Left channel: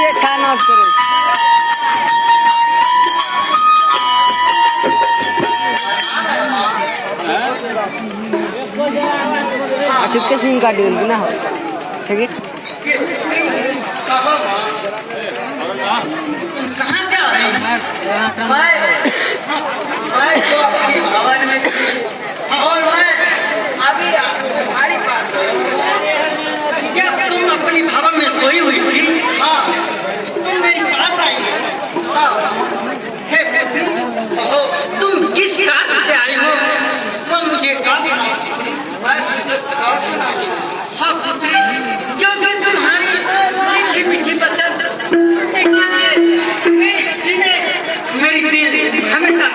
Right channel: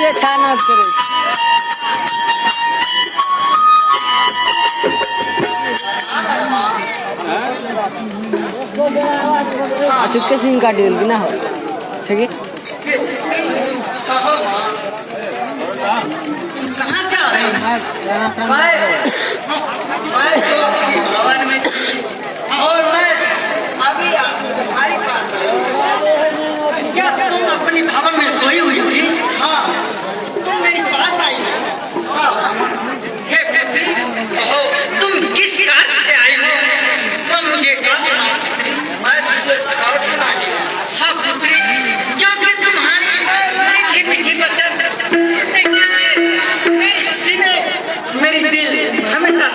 ये छान मत करो। चुपके से काट देंगे ना, ठीक है। और मैं अभी तुम्हारे पास क्या तुम अपनी भवन में सोई हुई थी? हाँ, तुम मेरे पास आई हो। हे पुत्री, तुम किस कार्य से आई हो? तो मुझे मैं तुझे कह सुनाई। हाँ पुत्री, क्योंकि तुम्हारी मीठी मीठी बचन मेरे सीने, मेरी दिल हमेशा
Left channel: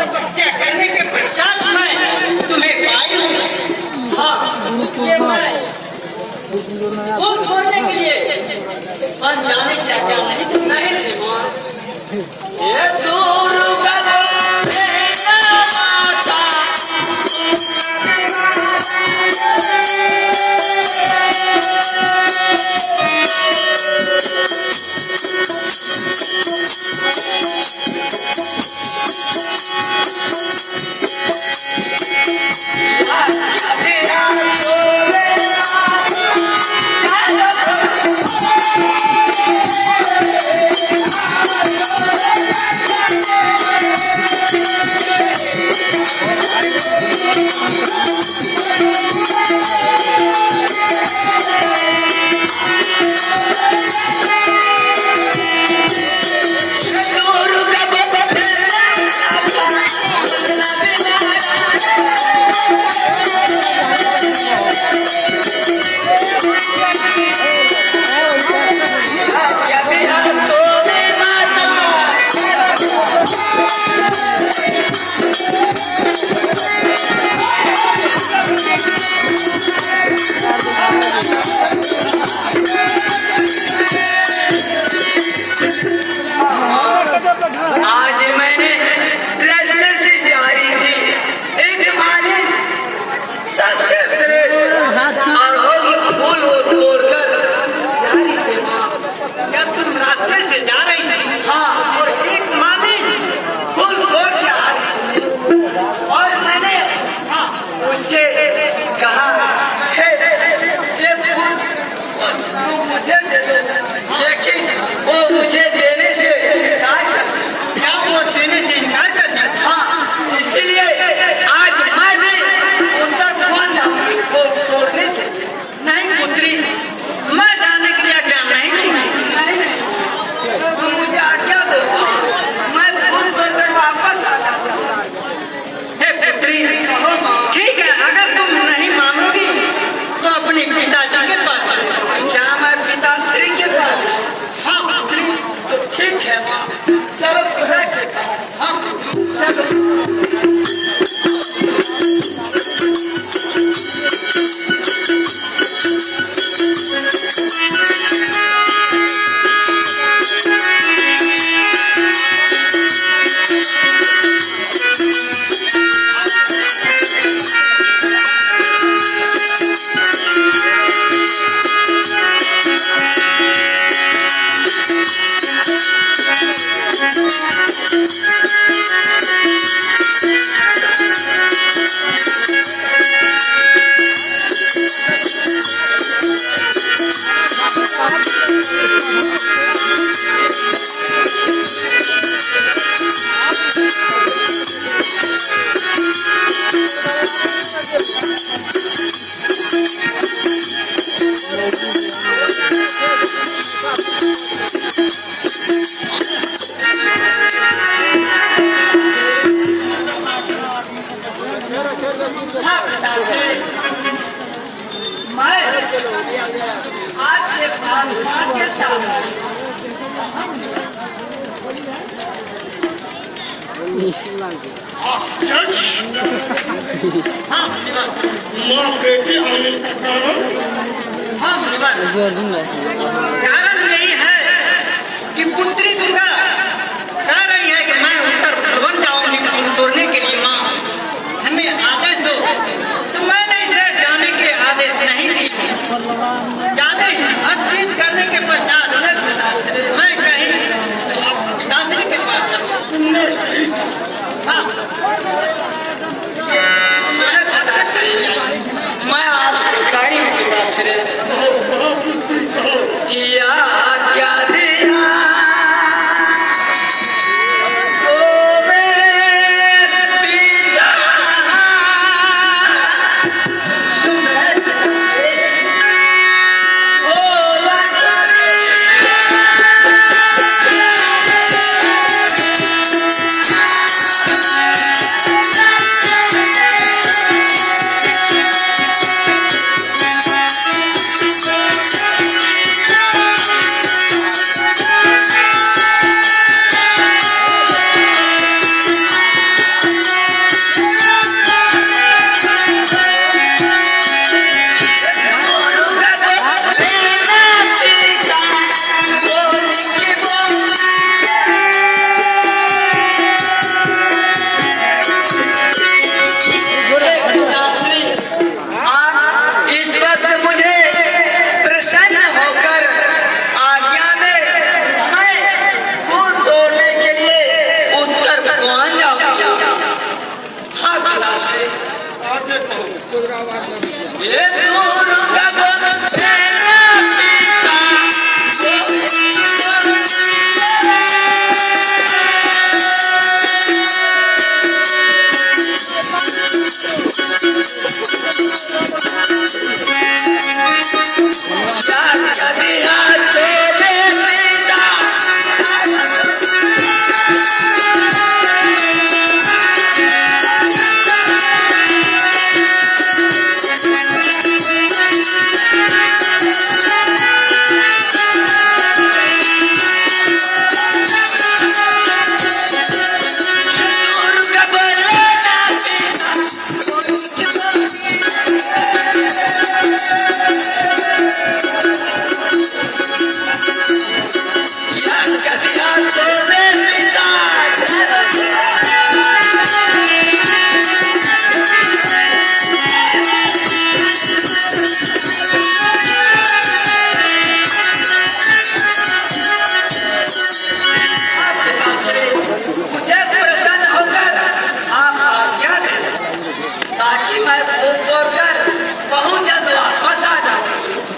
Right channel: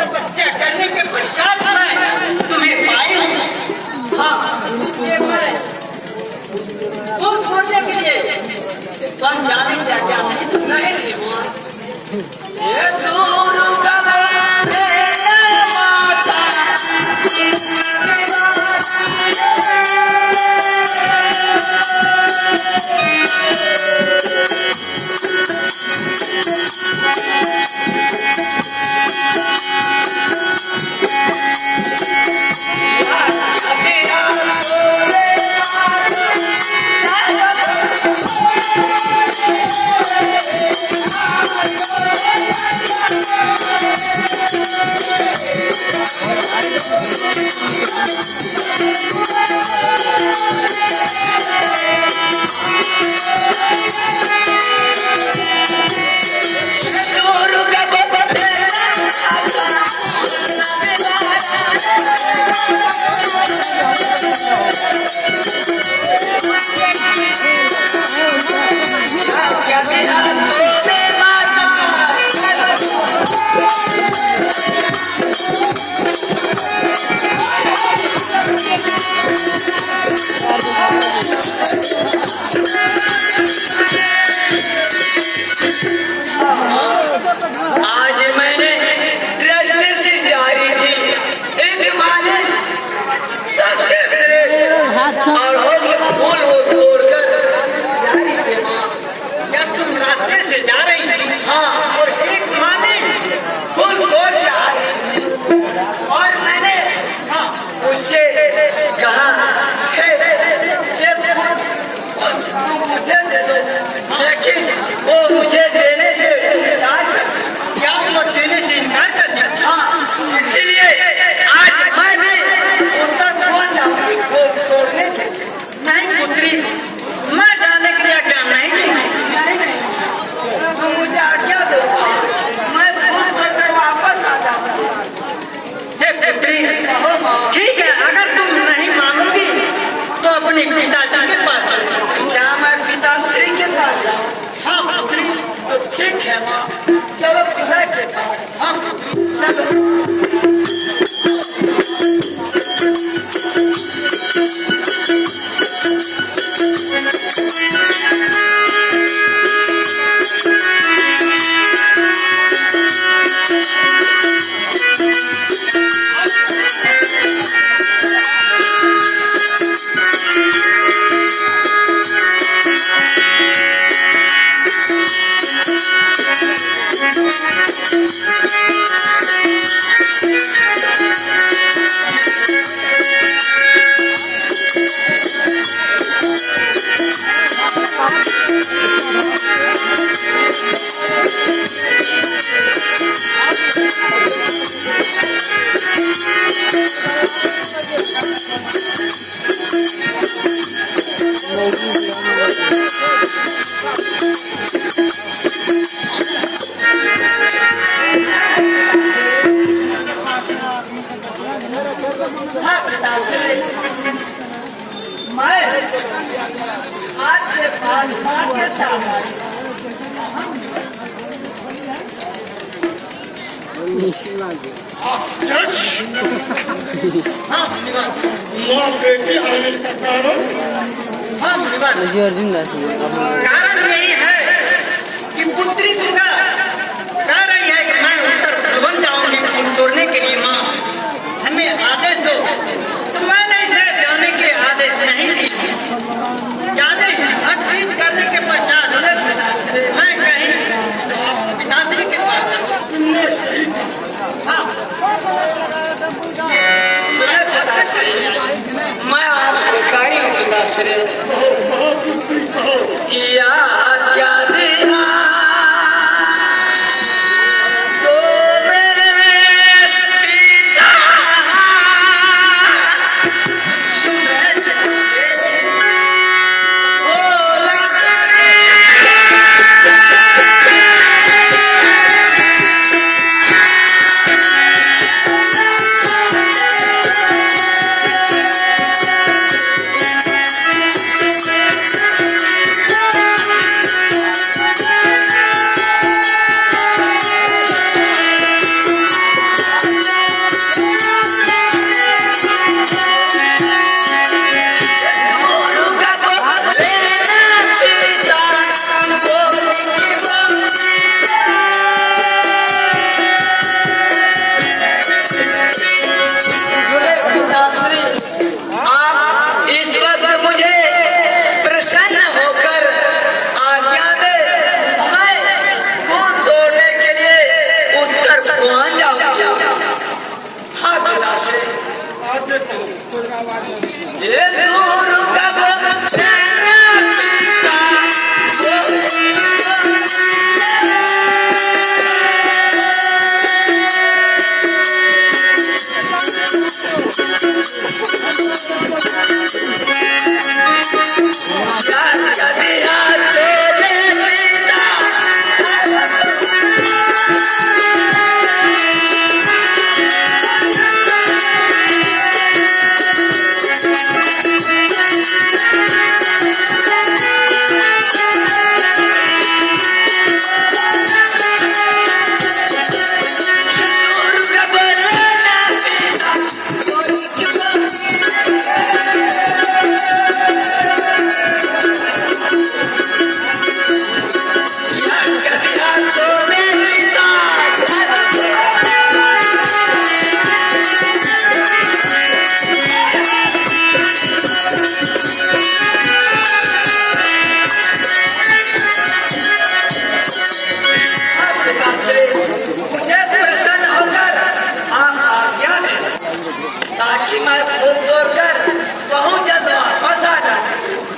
तपस्या करने के पश्चात मैं तुम्हें पाई हूँ। हाँ, ये मैं फूल तोड़ने के लिए बन जाने क्या क्या नहीं ये दूर का आज मैंने रास्ते से जा रही थी, एक माने सबसे श्रेष्ठ अड़हुल फूल वो तोड़कर जा रही थी। माँ, क्या तुम रास्ते से जा रही थी? हाँ, और एक माने फूल तोड़ के आ रही थी और मैंने उससे कहा मुझे दे दो, लेकिन वो मुझे देने से इनकार कर दिया। क्या वो देने से इनकार कर दिया? हाँ, इसलिए आज मैं भी उसका फोन वो तोड़ने थे। नहीं पुत्री, मैं जाने के लिए आज्ञा नहीं नहीं, तो मुझे आज्ञा दो, मैं फूल तोड़कर वापस आ जाता हूँ। हे पुत्री, ठीक है, अगर तुम नहीं मानोगी तो अपने पिताजी के पास पिताश्री के पास जाओ। हाँ पुत्री, तो ठीक है माँ, चलो पिता के पास। हाँ चलो। आसमान के साथ कारण यही है कि पुत्री दुर्गा कह रही है कि मैं उत्तर भुवन जाऊंगी फूल तोड़ने के लिए। माँ हमें आदेश दो, तो मैंने इसे जाने के आदेश नहीं दी। जाने हटचीत करने के पश्चात मैं कहीं पिताश्री के पास जाऊँ। हाँ मैं आपसे कही पिताश्री किया क्या देना तो मेरे पिता सुनत से बोला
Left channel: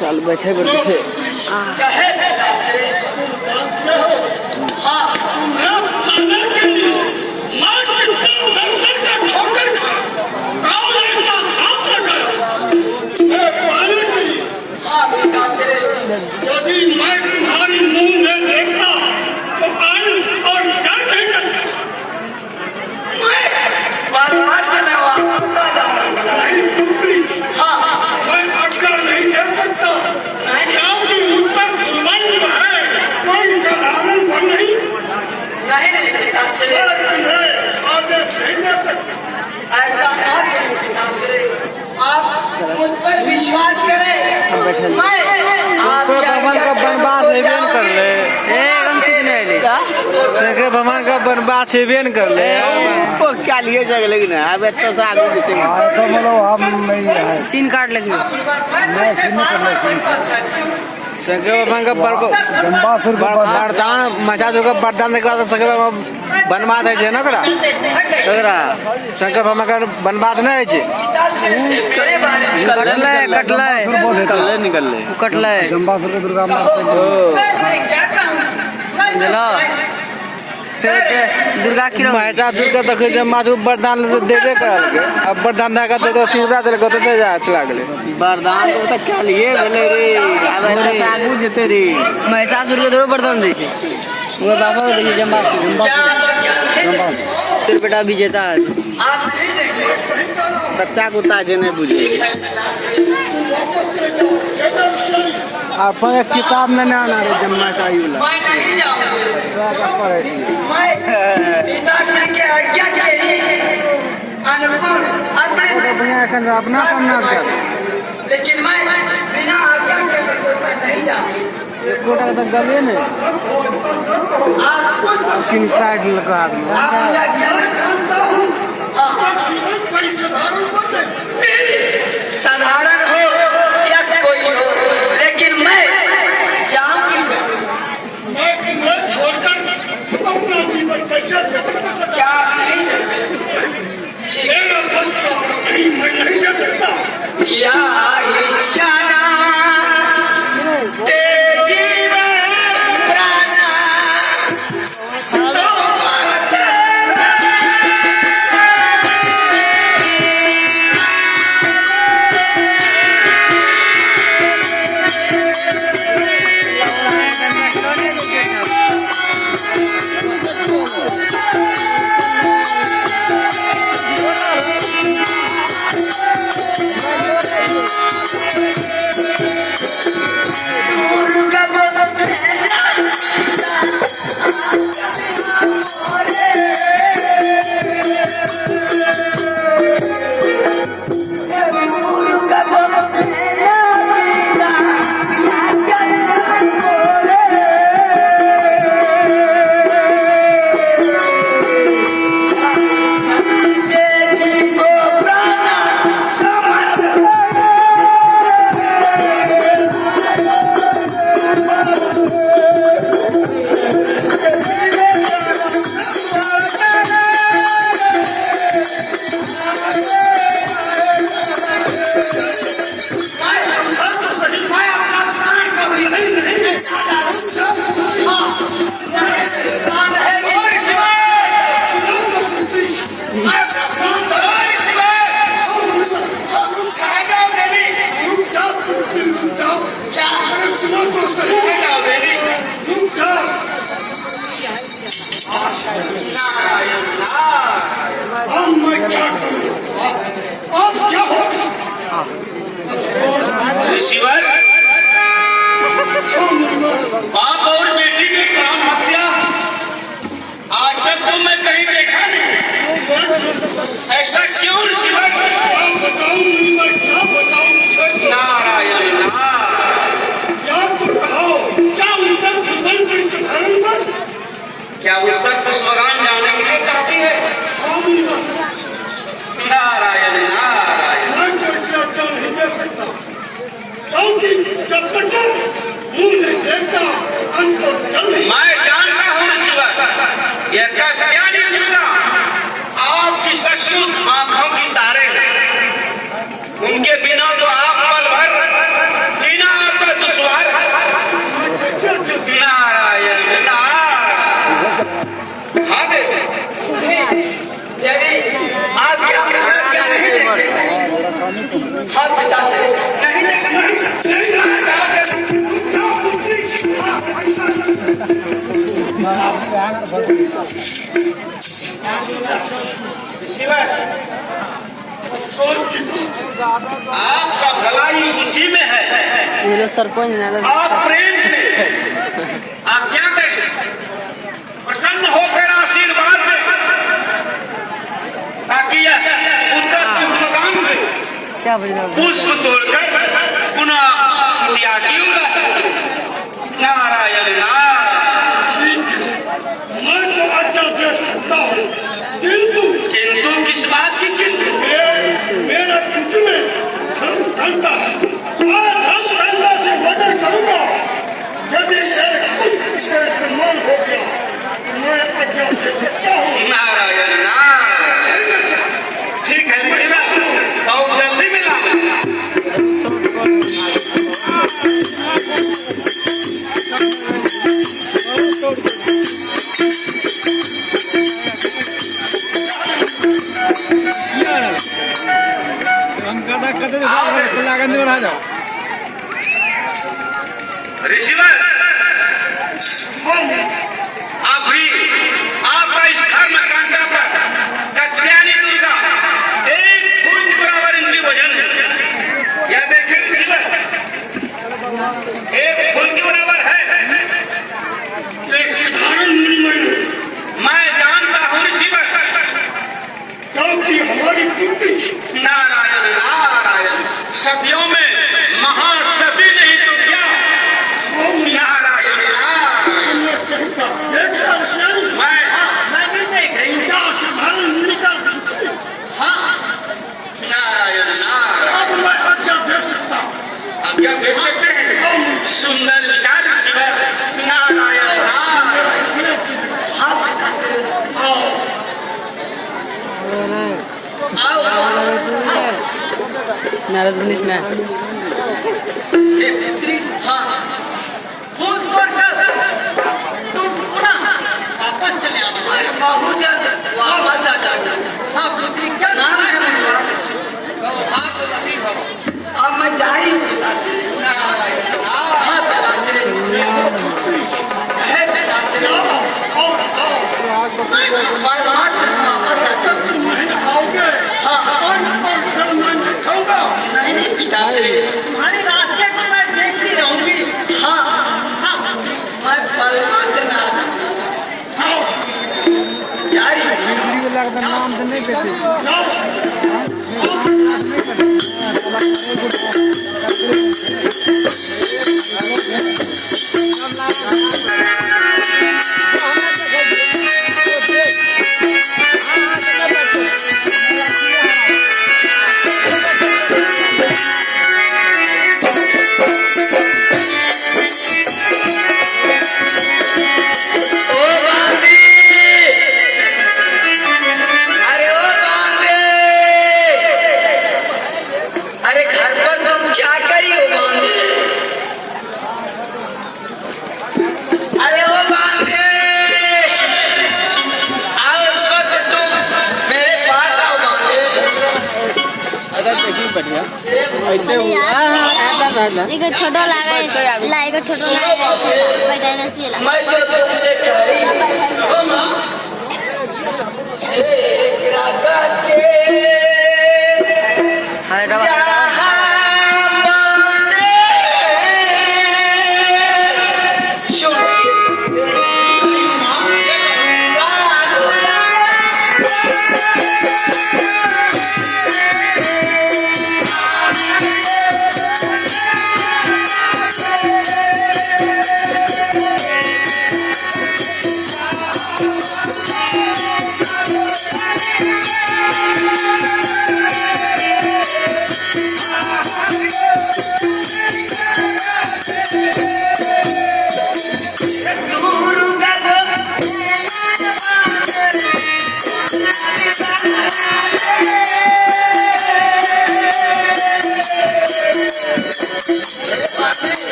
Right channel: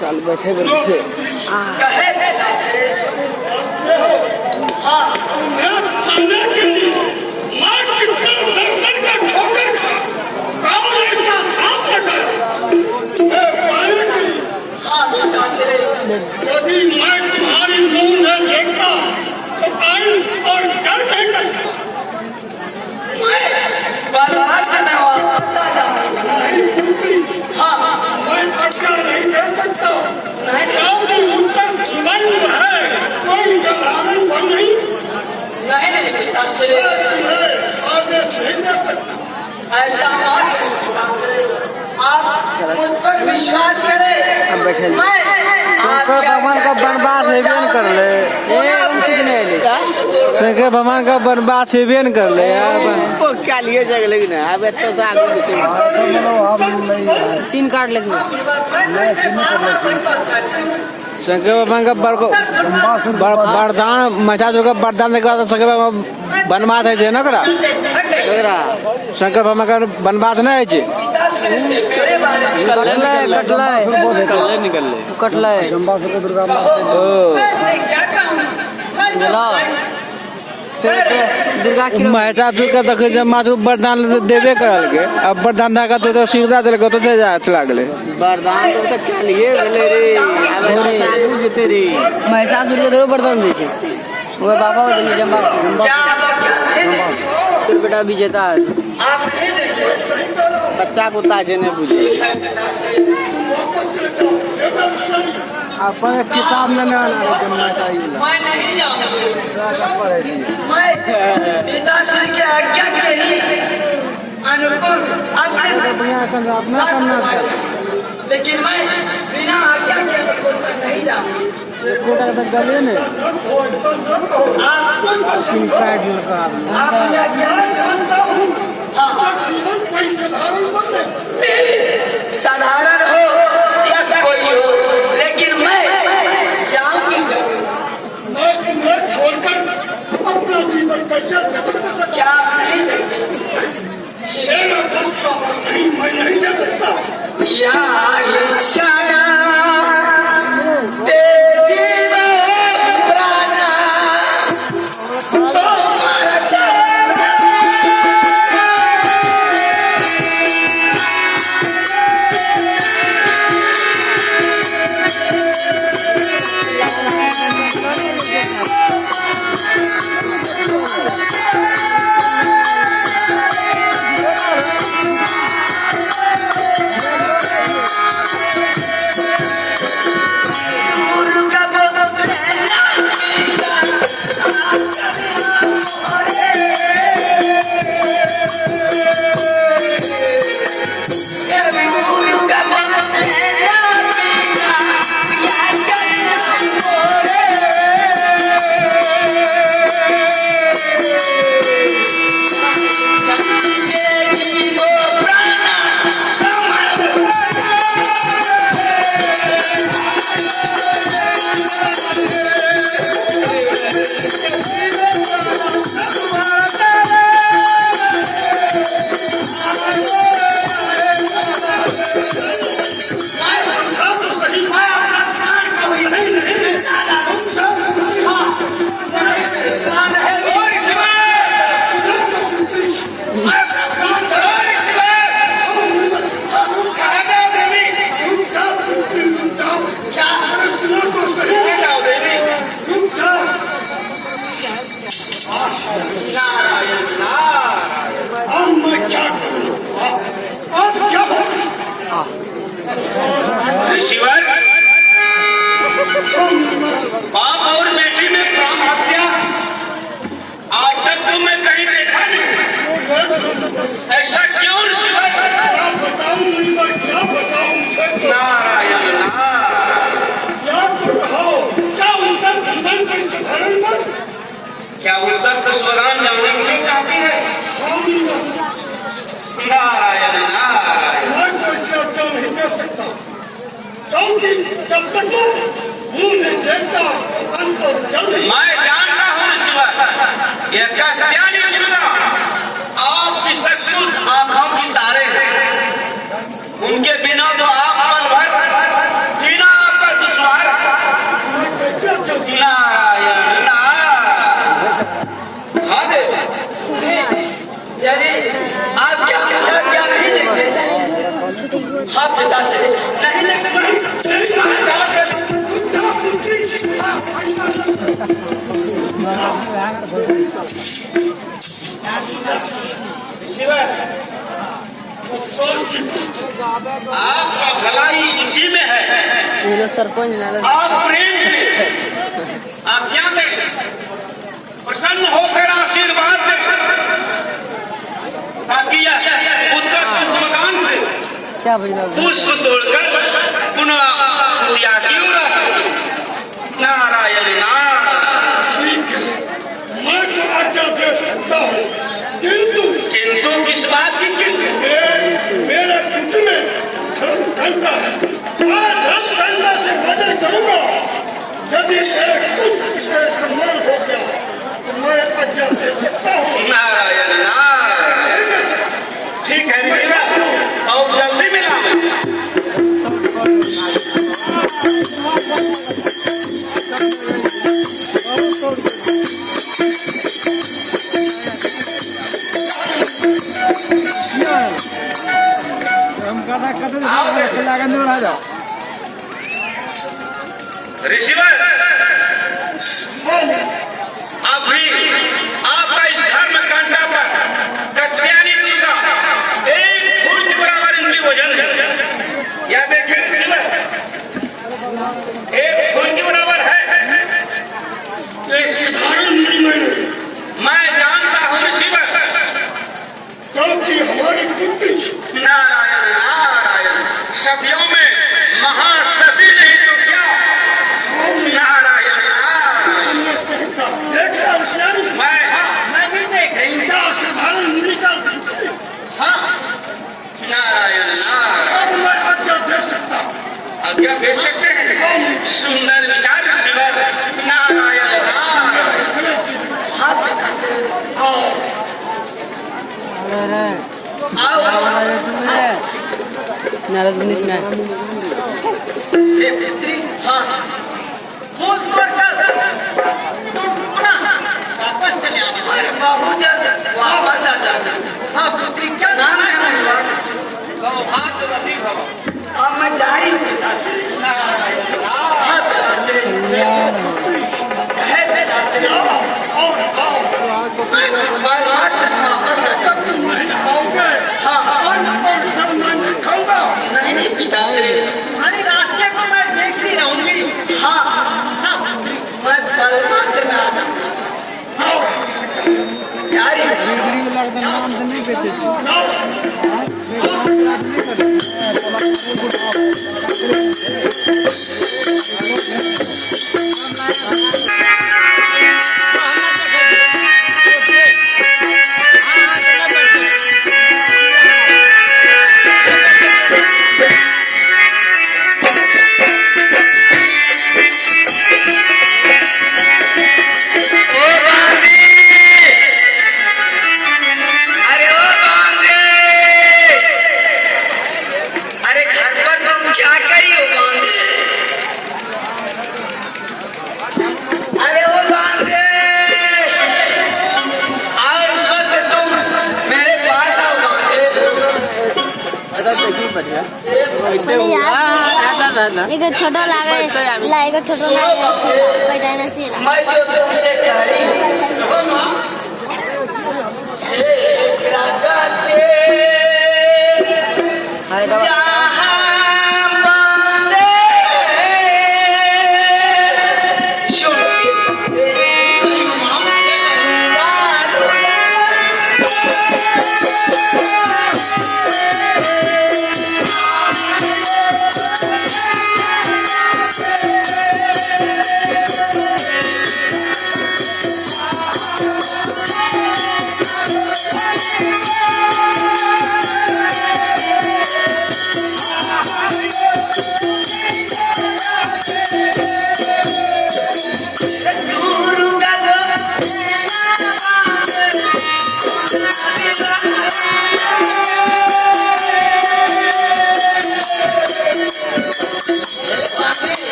साल बैठे थे यदि मैं तुम्हारे मुंह में देखता तो पानी और जल देकर मैं अटका नहीं दे सकता, क्योंकि उत्तर भुवन है, कोई साधारण वन नहीं। आदेश नहीं दे सकता। ऐसा आप मुझ पर विश्वास करें। अब बैठे शंकर भगवान का वनवास हेबे न कर ले कुछ नहीं ले शंकर भगवान का वनवास हेबे न कर ले क्या लिए जग लेकिन अब इतना साल सीन काट लगे शंकर भगवान का वरदान मचा जो का वरदान देखा तो शंकर भगवान वनवास है ना करा शंकर भगवान का वनवास नहीं है कटला दुर्गा की महिषासुर का तो जमासुर वरदान देवे करल के अब वरदान देगा तो सीधा चल गए तो चला गए वरदान तो क्या लिए रे जीते रे महिषासुर के जरूर वरदान दे वो बाबा को देखिए जमासुर फिर बेटा विजेता बच्चा को ताजे नहीं बुझे अपन किताब में नहीं आना जमना चाहिए मैं नहीं जाऊंगा। मैं पिताश्री के आज्ञा के ही अनुकूल अपना करना लेकिन मैं बिना आज्ञा के अनुकूल मैं नहीं जाऊंगा। कोटा तक गले ने तीन साइड लगा आपकी आज्ञा मैं जानता हूँ आपका जीवन कोई साधारण बने साधारण हो या कोई हो, लेकिन मैं जाऊंगी। मैं तुम्हें छोड़कर अपना जीवन कैसे व्यतीत कर क्या नहीं मेरा फैसला नहीं, मैं नहीं दे सकता। या इच्छा ना तेजी में प्राणा तो मैं क्या करूं? अब क्या होगा? शिवर बाप और बेटी में प्राण हत्या आज तक तो मैं कहीं देखा नहीं। ऐसा क्यों शिवर? क्या बताऊं नहीं, मैं क्या बताऊं मुझे तो। नारायण नारायण। क्या तो कहो, क्या उत्तर बन गई साधारण बन? क्या उत्तर पुष्परान जानने के लिए चाहती है? नारायण नारायण। मैं कैसे आज्ञा नहीं दे सकता, क्योंकि जब तक मैं मुंह नहीं देखता अंत और जल नहीं। मैं जानता हूँ शिवर, यह क्या नहीं मिला। आपकी सचमुच आंखों की तारे हैं, उनके बिना तो आप पल भर जीना आपका दुश्वार। मैं कैसे आज्ञा दूं? नारायण नारायण। हाँ देव, यदि आप क्या नहीं देखते, हाँ पिता से नहीं शिवर, आपका भलाई इसी में है। ये लो सरपंच आप प्रेम से आप यहाँ बैठे प्रसन्न होकर आशीर्वाद से ताकि यह उत्तर मकान से क्या बजा पुष्प तोड़कर पुनः पूजा की ओर आ सके। नारायण नारायण। मैं तो आज्ञा दे सकता हूँ, किंतु किंतु किस बात की किस? मेरा कुछ में धर्म कहता है, मैं धर्म कहता से वजन करूंगा। यदि कुछ सम्मान हो गया तो मैं आज्ञा दे सकता हूँ। नारायण नारायण। ठीक है शिवा, और जल्दी मिला। आ जाओ ऋषिवर, अभी आपका इस धर्म कंटा पर कत्यानी का एक फुट बराबर इनकी वजन है। यह देखें ऋषिवर, एक की हमारी कीर्ति नारायण नारायण, सदियों में महासती नहीं तो क्या। नारायण नारायण, तुमने सही कहा। देख रहा ऋषियानी, मैं भी देख रही हूँ। क्या असाधारण निकल। हाँ नारायण नारायण, अब मैं आज्ञा दे सकता हूँ। हम क्या देख सकते हैं। सुंदर विचार शिवर, नारायण नारायण। हाँ पिता से आओ आओ नारद मुनि ने हाँ फूस तोड़कर तुम पुनः वापस चले आने वाले। बहुत जल्द वापस आ जाते। हाँ पुत्री क्या नारायण सौभाग्यवती भव। अब मैं जा रही हूँ पिता से। नारायण नारायण, पिता से है पिता से। और मैं वापस जब तुम नहीं आओगे और जब मैं नहीं खाऊंगा। नहीं पिता से। तुम्हारे रास्ते को मैं देखती रहूंगी। हाँ हाँ पुत्री मैं परमार्थ में आ जाऊंगा। आओ, जा रही हूँ। नाम तो नहीं पेते लाओ। अरे ओ बांदे, अरे घर पर तुम क्या करी हो बांदे। अरे ओ बांदे, आओ इस वक्त तुम मेरे पास आओ बांदे। देखी बढ़िया ऐसे हुआ दादा एगो छोटो लागे ला एगो छोटो लागे सीला बैठा ना सीला मैं जो तुमसे करी से लगा के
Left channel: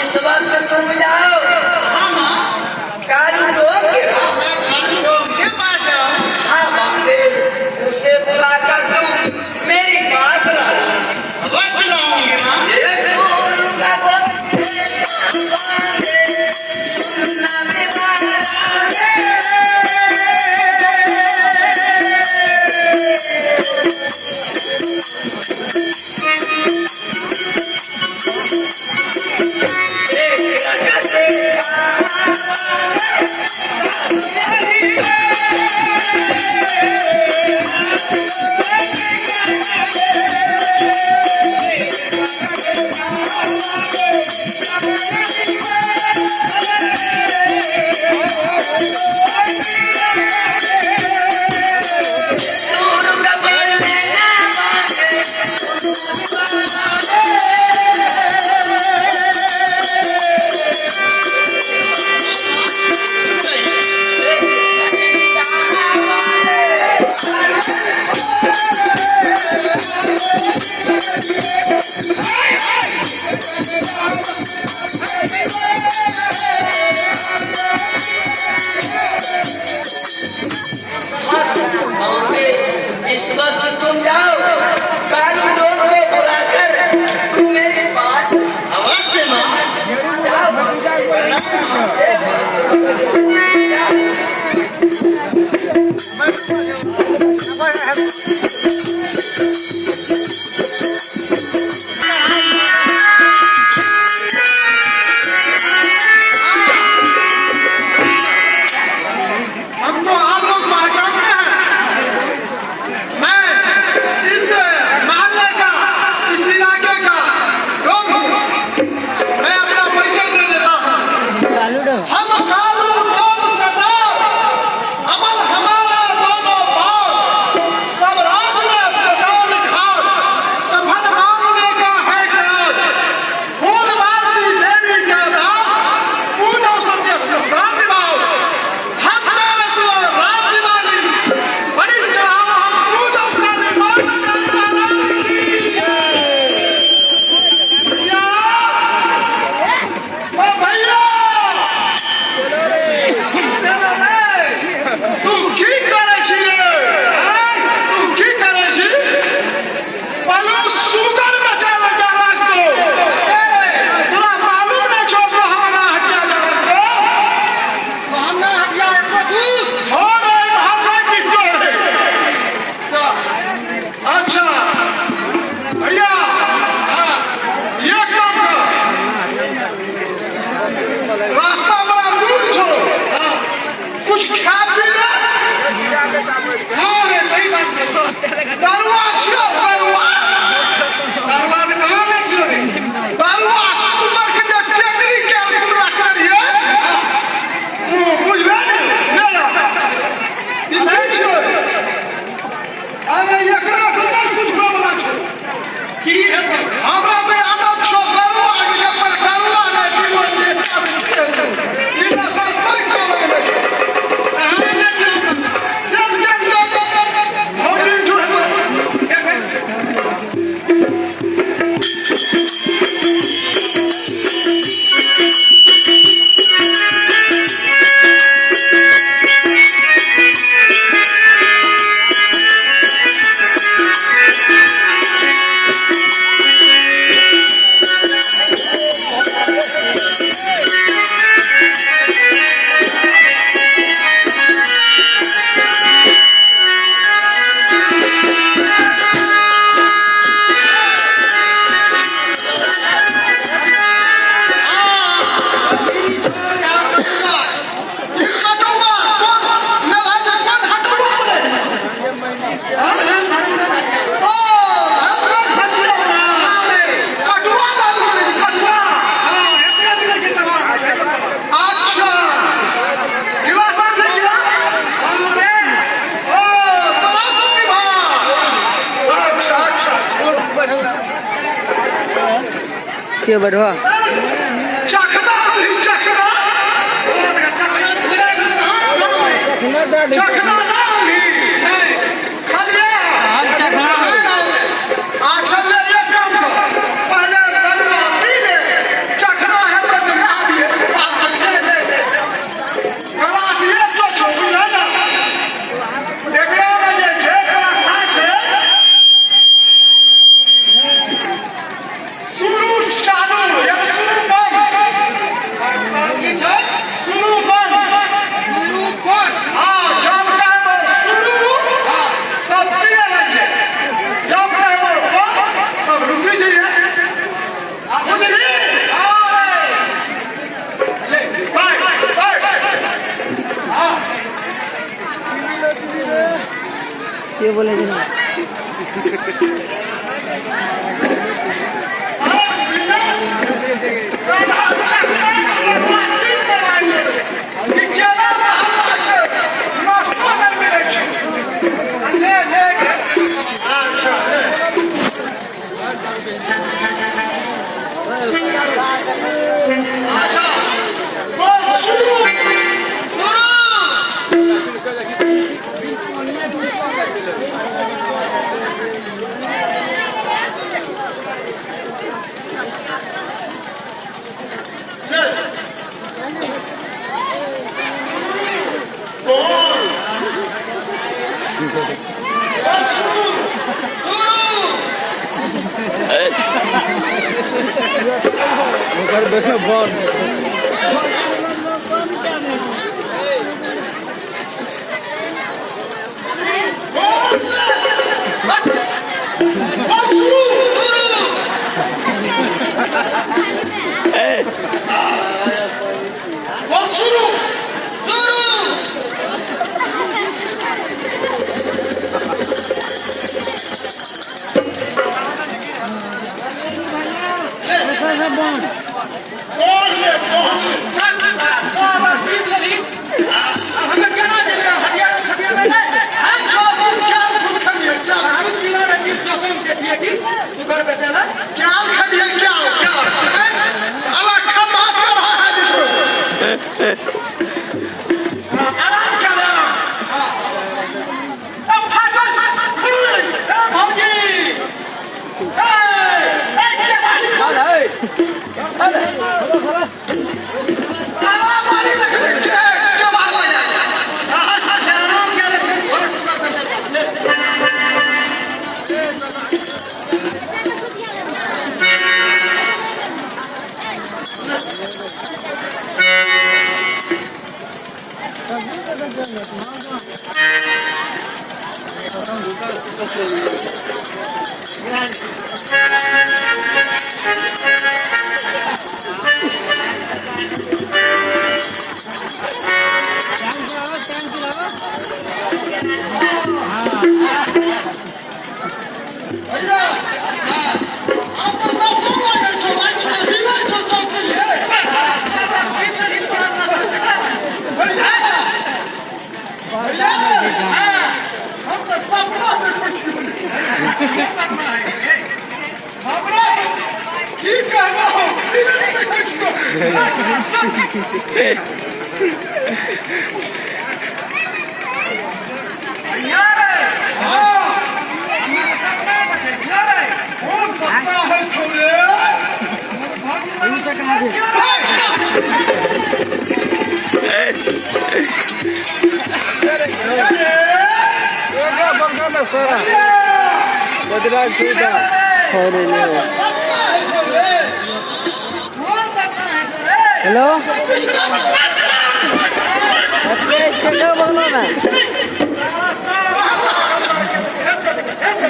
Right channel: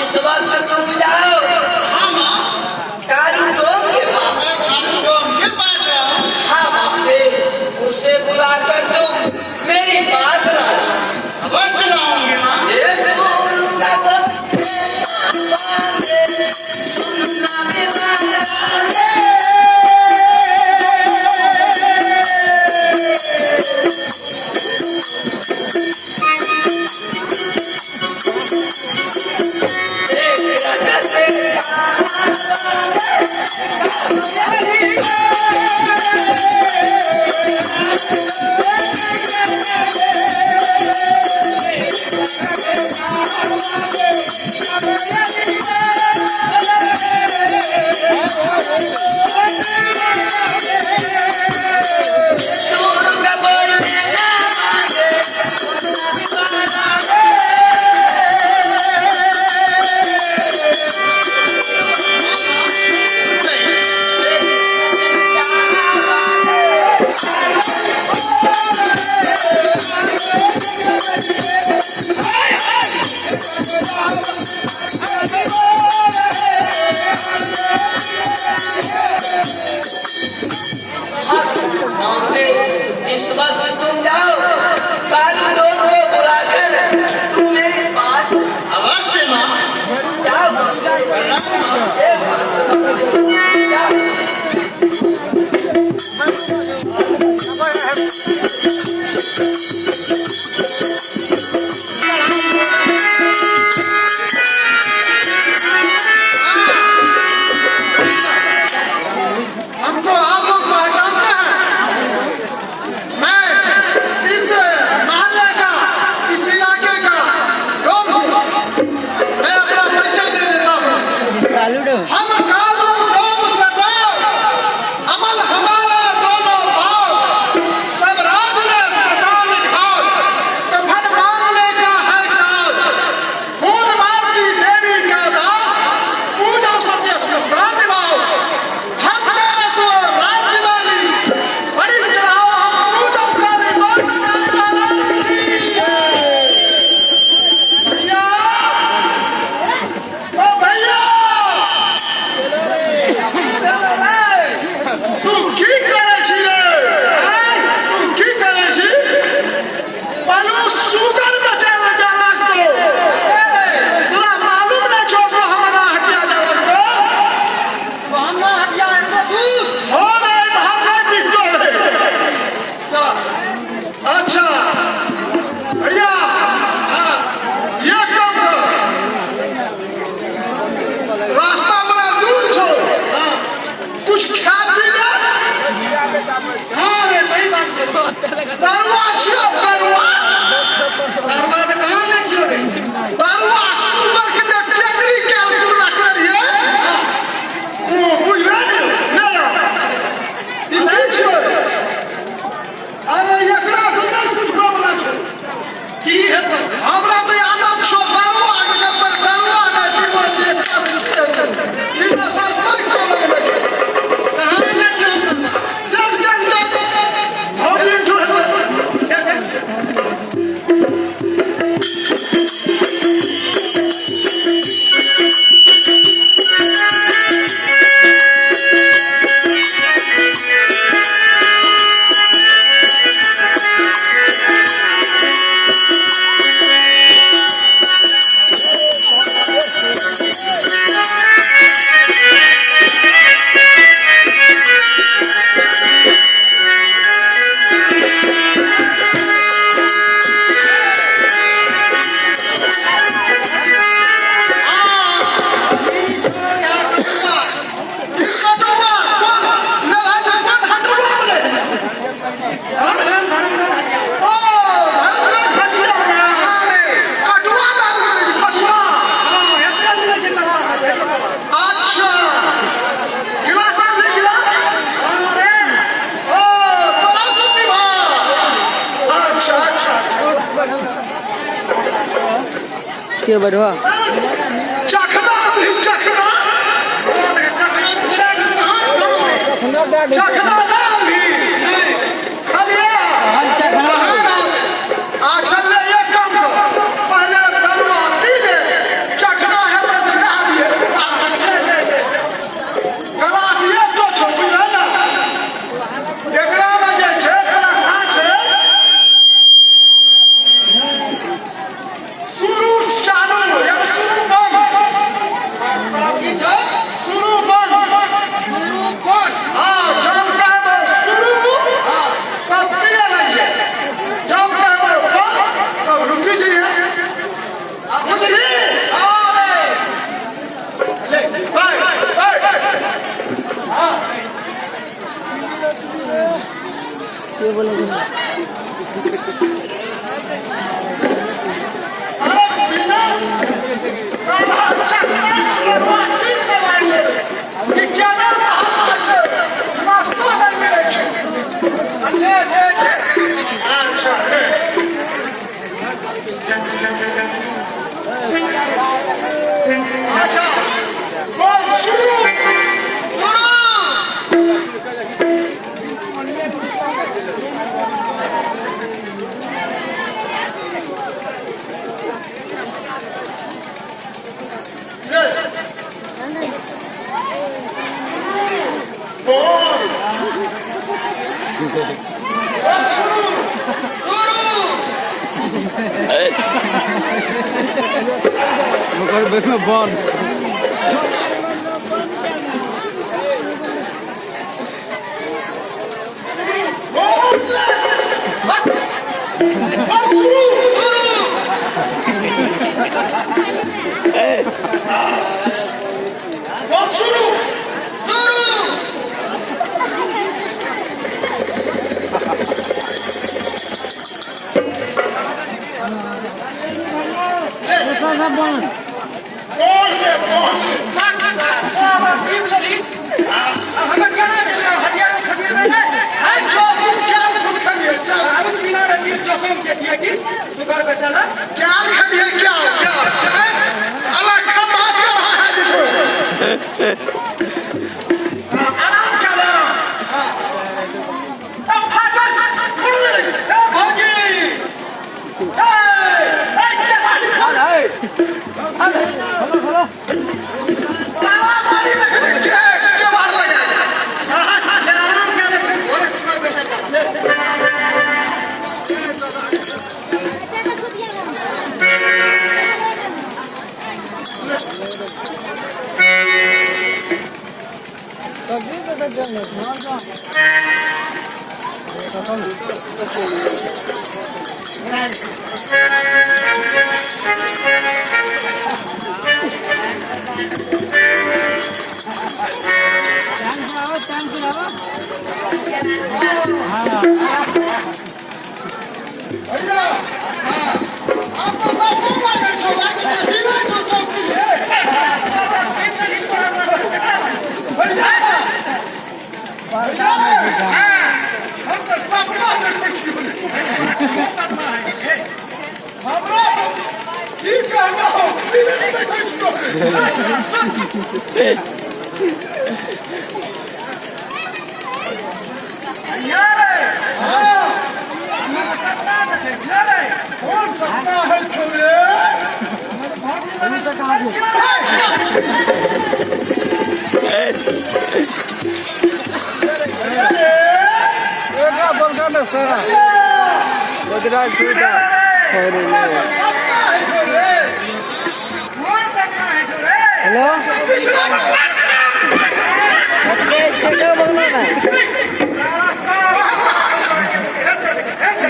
इस वक्त तुम जाओ कारू डोम के पास। हाँ बांधे, उसे बुलाकर तुम मेरे पास लाओ। अवश्य लाऊंगी माँ। ये गुरु का भक्त बांधे, सुनना मेरा इस वक्त तुम जाओ कारू डोम को बुलाकर तुम मेरे पास अवश्य माँ। जाओ हमको आप लोग पहचानते हैं। बरुआ छियो बरुआ बरुआ सुंदर के जे टेकरी के पूरा करिए ओ बुझबे ई नहीं छियो अरे एकरा से नहीं कुछ बोलला छो की है तो हमरा तो आदत छो बरुआ के पर बरुआ नहीं पीबो जे ई भाषा कोई कोनो नहीं कहां में छियो जब जब जब होली जुड़ के बढ़वा चखना चखना चखना अच्छा ये काम करो पहले दलवा पी दे चखना है तो दिखा दिए गलास ये तो छोटी है ना एकरा में जे छै व्यवस्था छै शुरू चालू या शुरू बंद की छै शुरू बंद शुरू कोन हाँ जब कहबो शुरू तब पिए लगे जब कहबो बंद तब रुकी जाइए अच्छा मिली बाय बाय हाँ के बोले सुगर बेचाना क्या खड़िए क्या क्या साला खड़ा कर रहा है देखो आराम कर रहा अब फाटक खुले भौजी क्या बात है अरे साला मारी रखने क्या मार लगा सुगर बेचा हेलो बघलो ना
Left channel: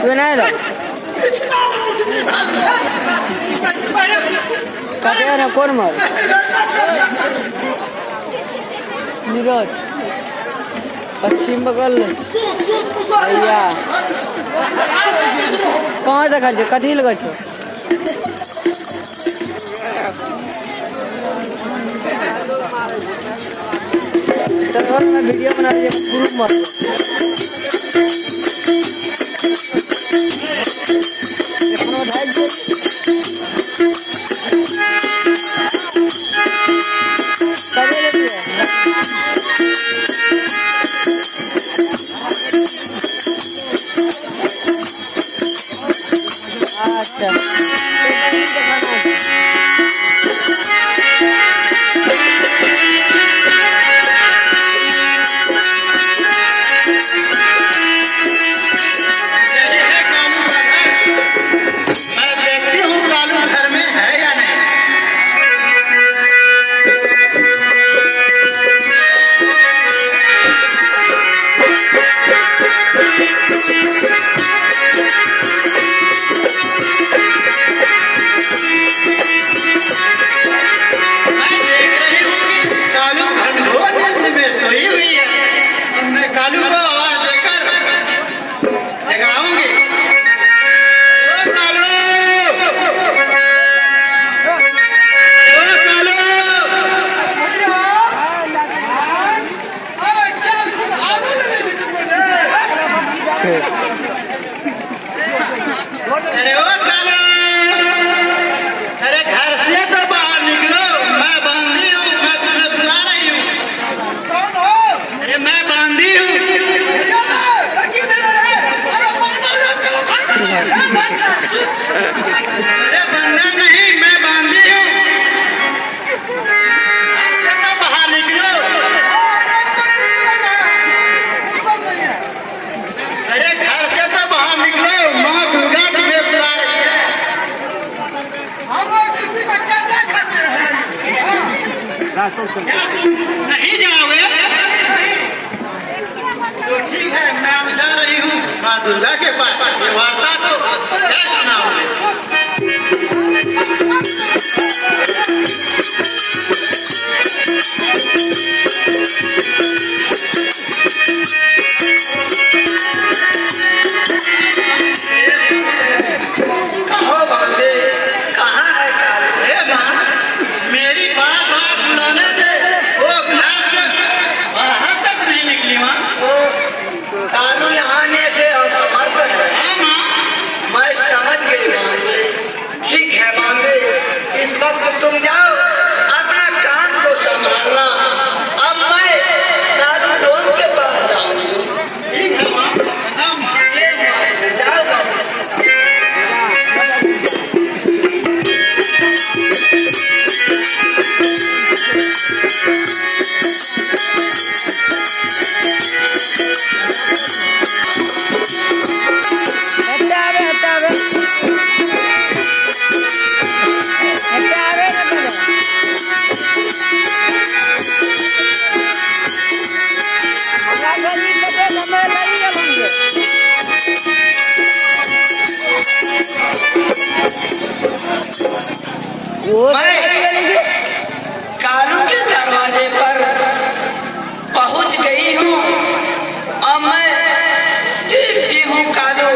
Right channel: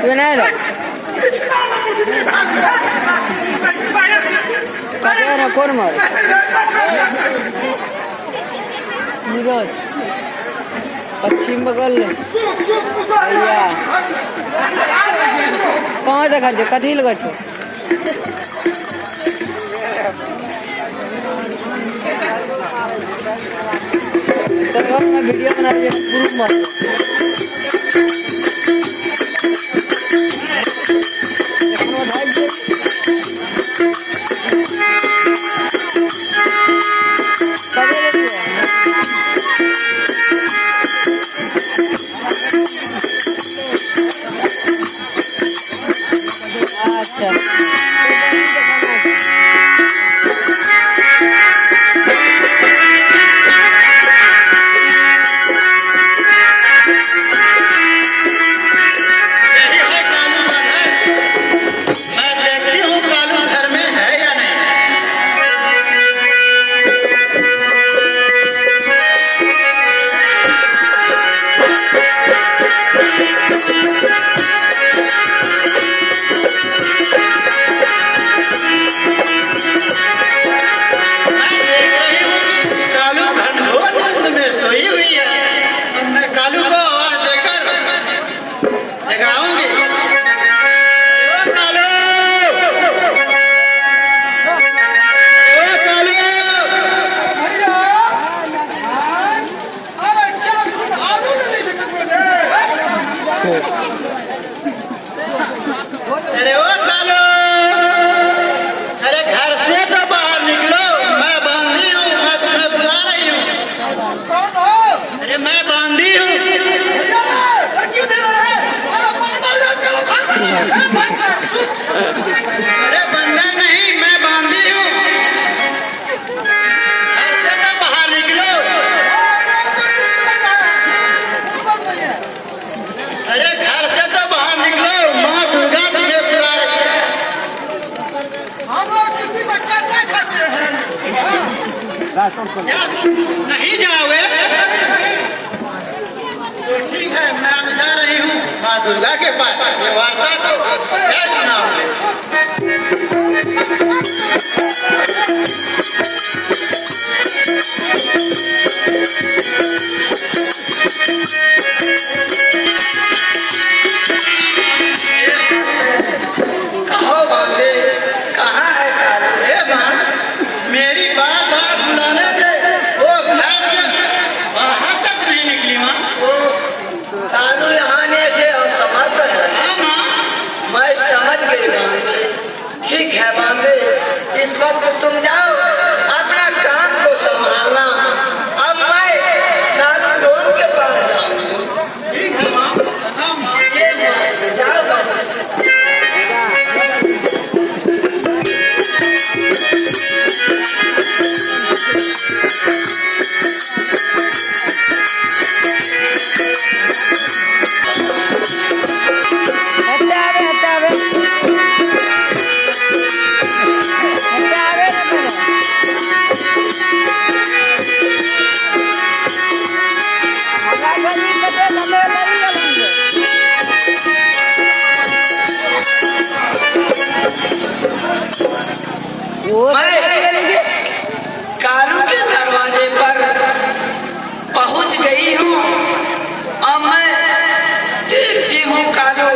तू नाही लो काय ना कोण मार नीरज पश्चिम बगल भैया कहाँ देखा छो कथी लगा छो तो मैं वीडियो बना रही हूँ ग्रुप मार अच्छा अरे ओ कालू, अरे घर से तो बाहर निकलो, मैं बांधी हूँ, मैं तुम्हें बुला रही हूँ। कौन हो? अरे मैं बांधी हूँ। अरे बंदा नहीं, मैं बांधी हूँ। घर से तो बाहर निकलो। अरे घर से तो बाहर निकलो, माँ दुर्गा तुम्हें बुला रही है। हम लोग किसी को चर्चा करते हैं। क्या तुम नहीं जाओगे? तो ठीक है, मैं जा रही हूँ माँ दुर्गा के पास। ये वार्ता तो क्या सुनाओगे? कहाँ बांधे कहाँ है कालू अरे माँ, मेरी बार बार बुलाने से वो क्लास वहाँ तक नहीं निकली माँ। कालू यहाँ आने से और समर्पण है हाँ माँ, मैं समझ गई बांधे ठीक है बांधे इस वक्त तुम जाओ अपना काम को संभालना अब मैं कालू डोन के पास जाऊंगी ठीक है माँ। हाँ माँ। ये मस्त जाओ बांधे मैं कालू के दरवाजे पर पहुंच गई हूँ अब मैं देखती हूँ कालू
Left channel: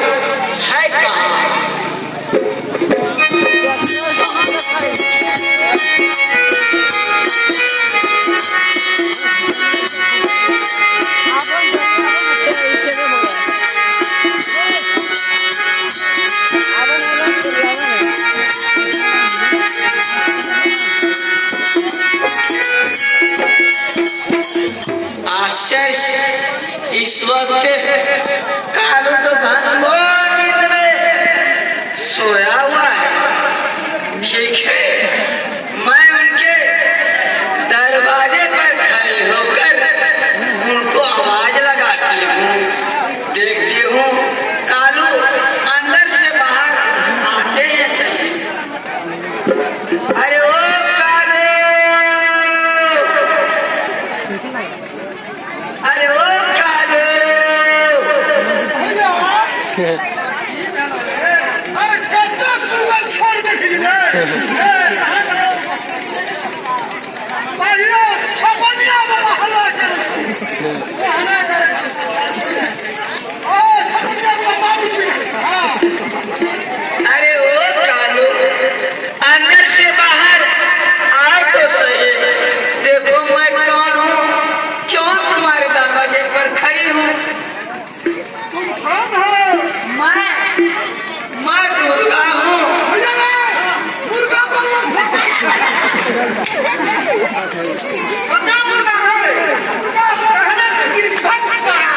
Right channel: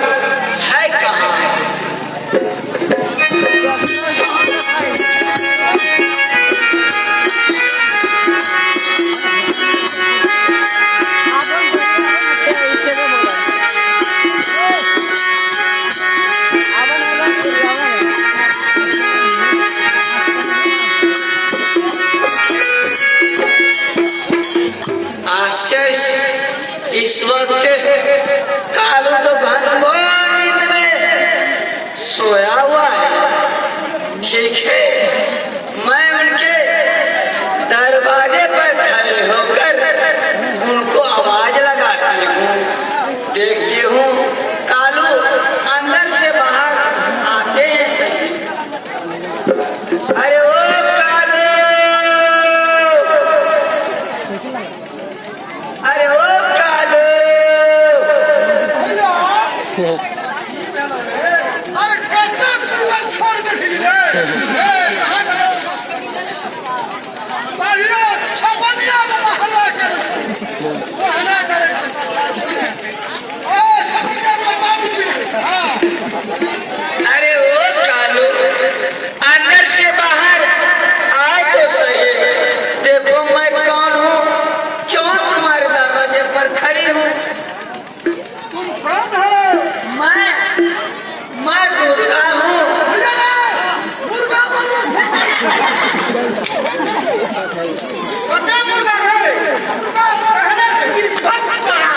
है कहाँ इस वक्त कालू तो घनघोर नींद में सोया हुआ है। ठीक है, मैं उनके दरवाजे पर खड़े होकर उनको आवाज लगाती हूँ, देखती हूँ कालू अंदर से बाहर आते हैं सही। अरे ओ कालू, अरे ओ कालू, अरे कत्ते सुंदर छोड़ देखी भाइयों छपनिया वाला हल्ला करे वो हल्ला करे ओ छपनिया वाला दारू पी अरे ओ कालू, अंदर से बाहर आए तो सही। देखो मैं कौन हूँ, क्यों तुम्हारे दरवाजे पर खड़ी हूँ। तुम कौन हो मैं दुर्गा हूँ। मुर्गा बोलो पता मुर्गा है, मुर्गा कहने की बात सारा।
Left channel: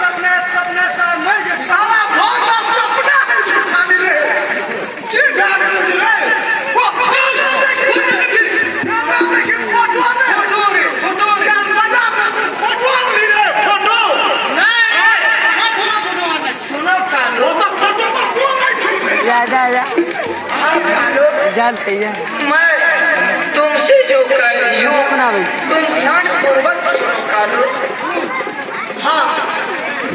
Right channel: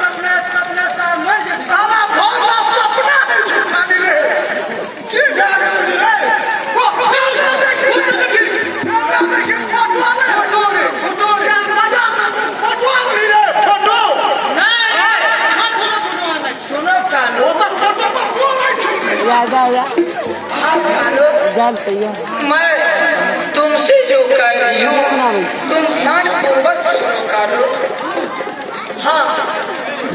सपने सामने सारा भोला सपना में झूठा मिले की गाल मिले वो सुनो कालू, जा जानते हैं मैं तुमसे जो कह रही हूँ तुम ध्यान पूर्वक सुनो कालू। हाँ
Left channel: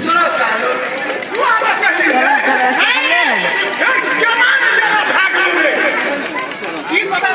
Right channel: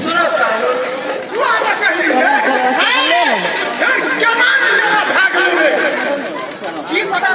सुनो कालू, ये पता